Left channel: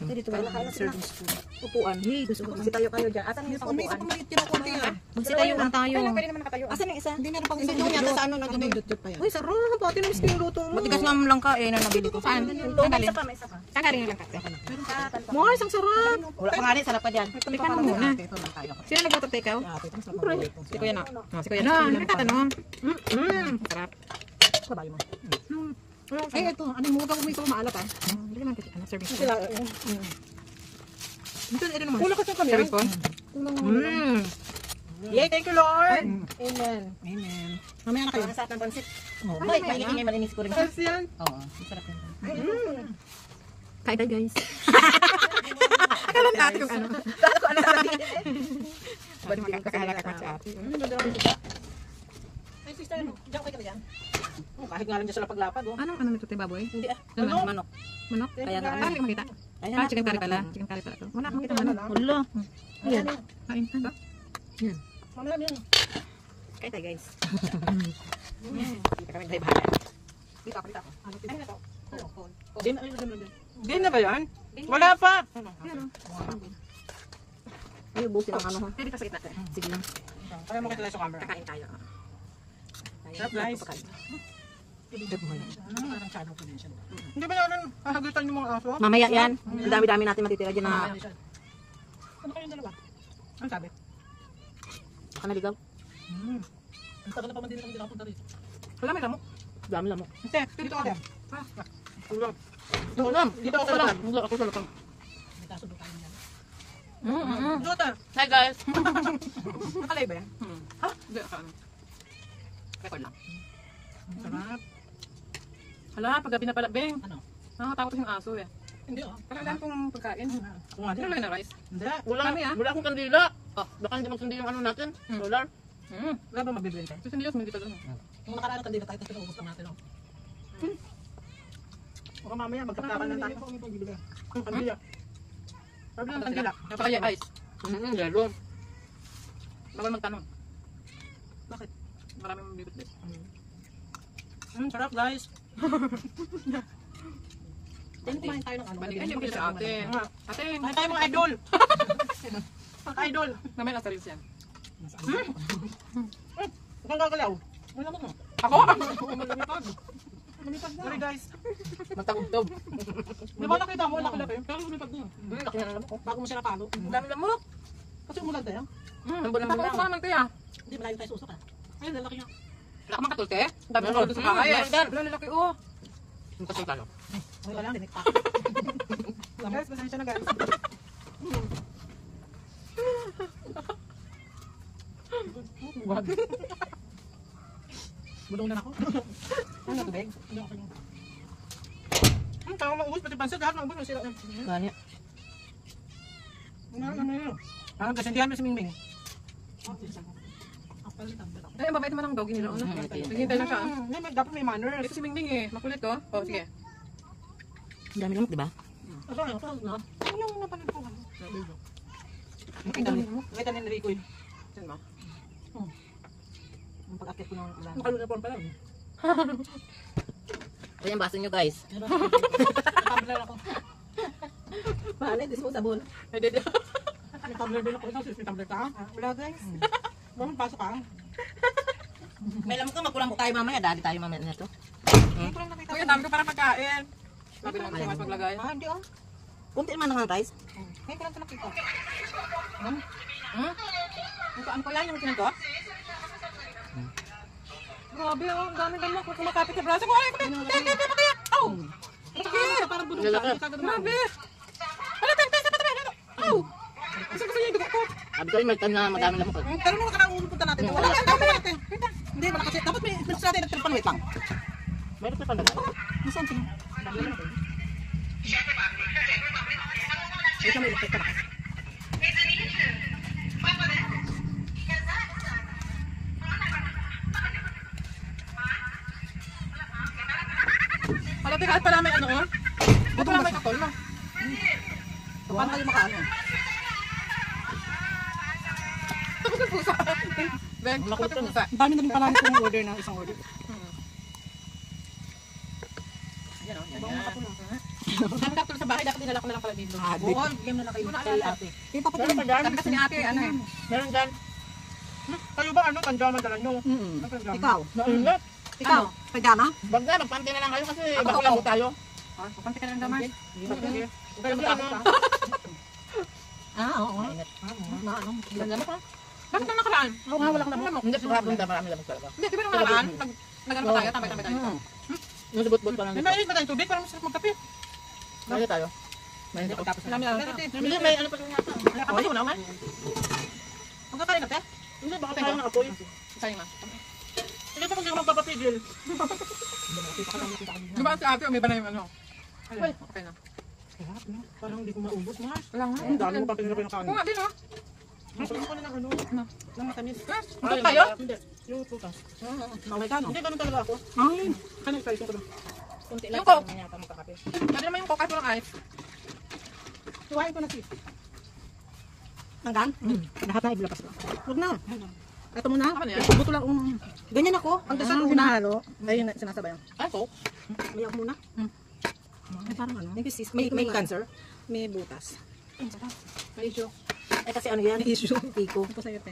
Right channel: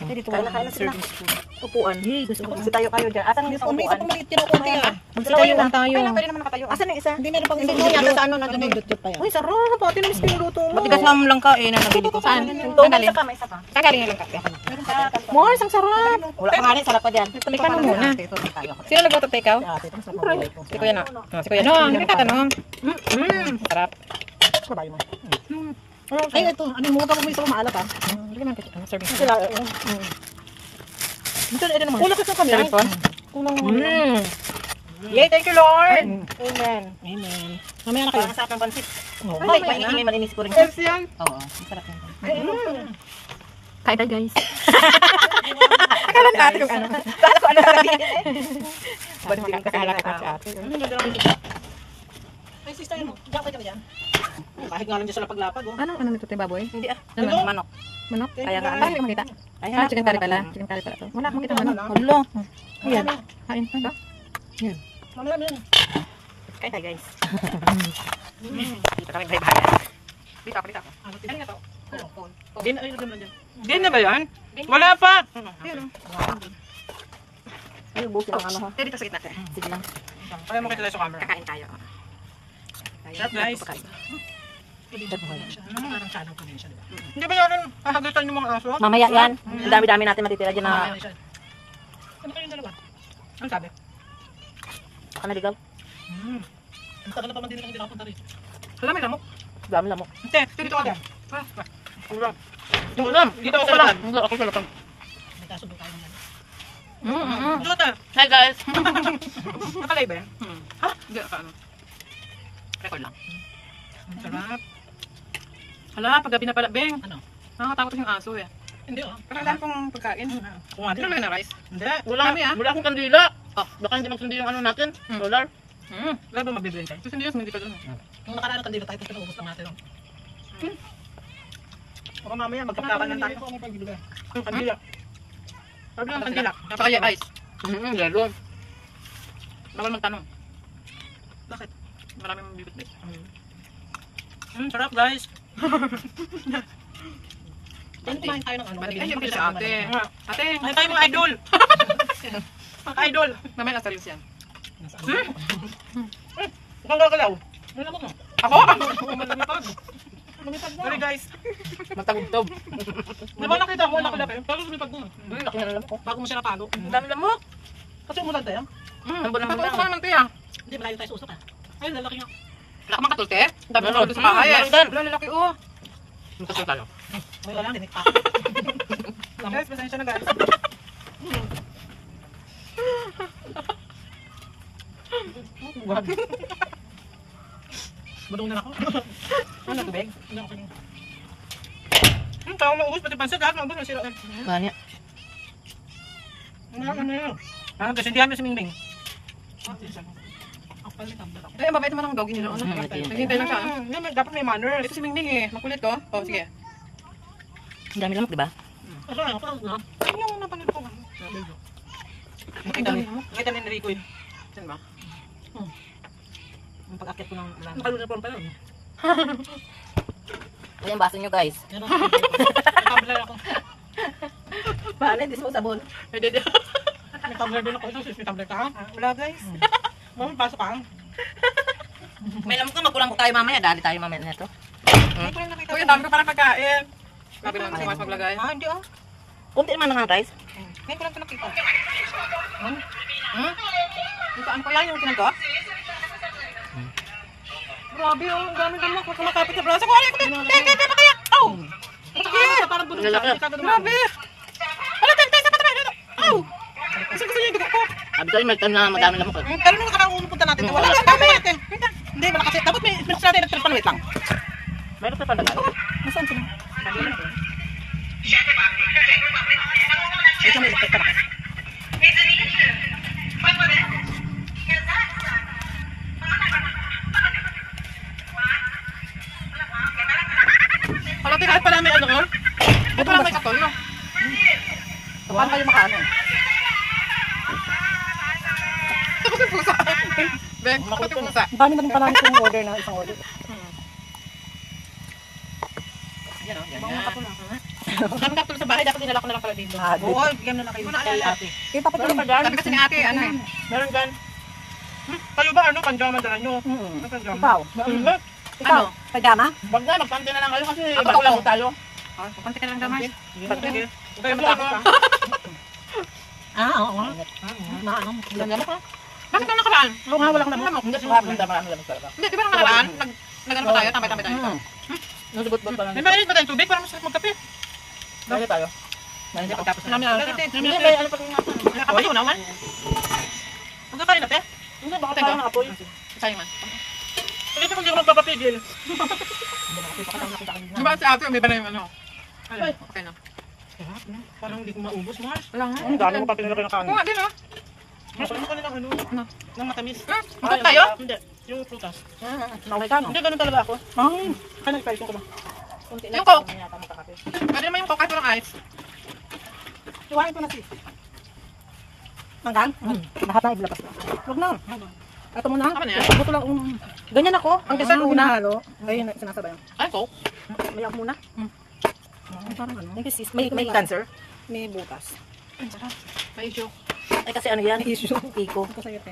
Ate, dito Kain na sila. serving spoon. Upuan. Hey, gusto ko. Kasi tayo kayo dyan. Asan yung isang May upuan? isa pumalit din ako kaya. Magtatayo lang tayo. Kailan pwede naman nakatayo? Asan yung isa? Hindi meron pang Hindi isang mo yata sa ano Ano nandun. dot pa yan? Uy, sarap. Pati na miss ko yung luto mo. Matigas na lang ka na nabili ko. Saan? Ito, may isa pa, may isa pa. Saan galing lang ka? Mors, ang sarap. Wala ka nga rin, sarap pa dyan. Tikman mo muna. Sino nagluto ikaw? Si Kuya na. Si Kuya na. Hindi ka tanong. Sarap. Ay, ito. Ano mo pa kung may isa maalat ha? Hindi naman kasi. Serving spoon. Sila. Kulang ka sa kamera. Serving spoon? Kulang mo. Yay, thank you Lord. Amen. Amen. Mamaya na kayo. Ang sarap ng pansit. Hoy, may malinis ko rin. yan. Oo, masarap yan. Kain tayo guys. Akala natin kung ano. Kala ko ano sasabihin. Banding kasi halata ka sa ate. Ay, sister mo. Diyan kayo dyan. Kahit nga lang dyan sila paglapag. Ano nito tayo baboy? Hindi ah. Ano? Manok. Manok? Kaya nga. Ay, hindi ko makita. Ayan, Chicken curry pala. Chicken curry pala to. Wala akong makita manok. Hello. Ayan. Kain. Ano? Yan. Ano naman yan? Kain tayo guys. Dito kami bahay-bahay. Dito ako. Ano na to? Din na ba yan? Wala pa. Ay, busin ang ano ha. Dito sa gitna. Sige lang. Kaya mo kita sa camera. Kakain tayo. Sarap, guys. Parang shadow ko din siya. Hindi ba yan hahagitan yung mga aso? Mamaya yan. Ang dami-dami natin matitira dyan na. Ano kayong dalawa? Ano sabi? Baka naligaw. Ang tagal na pa man din lang hindi nakapunta rito. Wala may lamok. Dami lamok. Hindi, dito ka dyan. Ulam. Ulam. Dito ako sa lakan. Ako sa lakan. May kasundo tayo naman. Dito. Hi guys. Nakalay ba yan? Ha? Hindi, ano? Record lang. Sarap. Hala, paggabi na pala, Beng. Ano? Nakakatakot yung aso eh. Hindi oh. Parang dahil pong pagkain. Kumain Ano lang na rice? Hindi. Dami ah. Wala akong kandila. Baka hindi magsundi yung ano natin. Solar. Wala ba magbibigay tayo? Gusto niyo, hindi pa doon. Yung nakaraan kandila tayo, tapos pinaubos lang natin. Baka mamaya magkapkapan lang tayo. Ang kandila. Sabi ng kandila. Napakaya ice. Lalo. Bawal magtanong. Bakit? Maraming bibit-bit. Sarap guys. Kumain tayo ng ano. Ay, hindi makita si ate. Ate, Ay tayo mga idol. Mga idol. mamaya nasa reels yan. Huwag kang gagalaw. Ano mo? Ako? Lumipad. Lumipad na. Sorry guys. Magtagubtob. Di ba nakita mo? Laki-laki. Pero lumipad na. Laki na lamok. Bago mo siya napalo. Ang dami lamok. Kasi umulan tayo. Ang buwan Ako naman. ko naman tiya. Hindi, malayo tayo sa usok ah. Ay, lalaki nga. Wala ka makatulte? Ang dami Meron. ko sa bahay eh. Meron. Wala lalaki oh. Magkasal tayo. Wala lang, dinig pa. Guys, pasensya na guys. Budong na ako. Ano tubig? Ang tao maubos, pati pansit lahat maubos. Masira eh. Kanya. Ano yun? Kasi hindi kami si Mingming. Ay, ang babait naman ang doggy nila. Ano? Naghihintay lang siya. Dapat may manners. Ito si Mingming eh. Makulit ko. Oh, sige. Ang dami lamok, di ba? Asa ano? Ano yung napanood ko? Ang dami. Nakita ni Rico yun. Saan ba? Ang pag-akit ko ng ulan. Nakaluniform pa lang. Ayan, baso nyo guys. Tumbler ako. Bahala, disposable. Pwede din. May tumbler din ako. Ito, may tumbler ka? Wala guys. Mami, pasok ka. May lamok ka, magkulang po tayo mamaya. Dali tayo mamaya nito. Uy, dami ko parang pagkain. Sabi lang si Mas maglagay. Ah, hindi ah. Kunti naman ng rice. Ngayon ko lang ito nakita. Yung saan ko yan? Yung kinan ko? Grabe oh, ang dami lamok. Huwag kumakapit sa braso ko. Ay, teke pa kaya. Aw! Sakit! Parang bulong siya. Hindi ka dumami. Grabe! Ala, tente, sa patapay! Aw! Kasi gusto niya yung dugo ko. Sabi tayo, may time na madami lamok. Pero nung nakarang pupunta natin, wala lang kami natin. Hindi, wala kasi. Dapat may minutes natin nagtripan. Wait lang. Meron pa pala tayo. Nasaan sila? Ito may electric pa. Ala, kahit pala may ano oh. Di pala may katol no? Paano kayo makaano? Tapos yung pusa. Beng, tapos yung pusa. Ang dami na rin pala itong order na isang order. Yan o, yan. Kami kaktuloy sa bahay, dapat dinala ko na lang pala dito. Oo, bigyan na kayo. Kay ate. Kita pa Meron pa dyan? Sabi kasi ni ate, ano eh. Meron dyan. Kayo ba ano, panjama dala nyo? Ano panjama? Ikaw. Ano? Pajama? Wag na, magpante na lang kayo kasi bago lang tayo. Pupunta ka lang daman. Sige. Kayo matapos pa. Oo. Lamok ka? Bakit nang nakaraan? Oo nga, wala kang lamok. Hindi, marami lamok talaga. Hindi, di ba nang nakaraan? Nag-ano pa tayo? Tambay-tambay tayo. Nusubot-bot pa lang. May mainit ba tayong tubig? Parang masarap magkape. Kaya tayo. Hindi, pagtapos na. Marami lang. Hindi, may ano pag Apoy yun naman. Ang kakain natin? Hindi, baka tayo ng apoy. Sayang man. Hindi ko hindi ko magpapapigil. Di ba si ate, may ba na yung ano? Ayun, okay na. Parang hindi ko maubos, Mars. Wala nga. Ang dami mo pa pinilaki ng Oo kanin. nga din ah. Masarap ko ng ano, ng matamis. Magkot tayo? Hindi, yung prutas. Naulay ka, no? Hindi, ganun talaga ako. Kaya nag-price ko ba? Yung coke. Pwede naman yung coke kahit walang ice. Iwain ko na si. Manggang? Lahat na ibilabas na. Huwag na. Ito muna. Tama na yan? Buto lang. Ganyan ako. Ang dessert muna. Ayun, sinasabayan. Ay, coke. May ako muna. Ay, parang ano. May cancer. May butas. May issue. Ay, kasi ano yan? Issue. Iko. Ito sa'yo, te.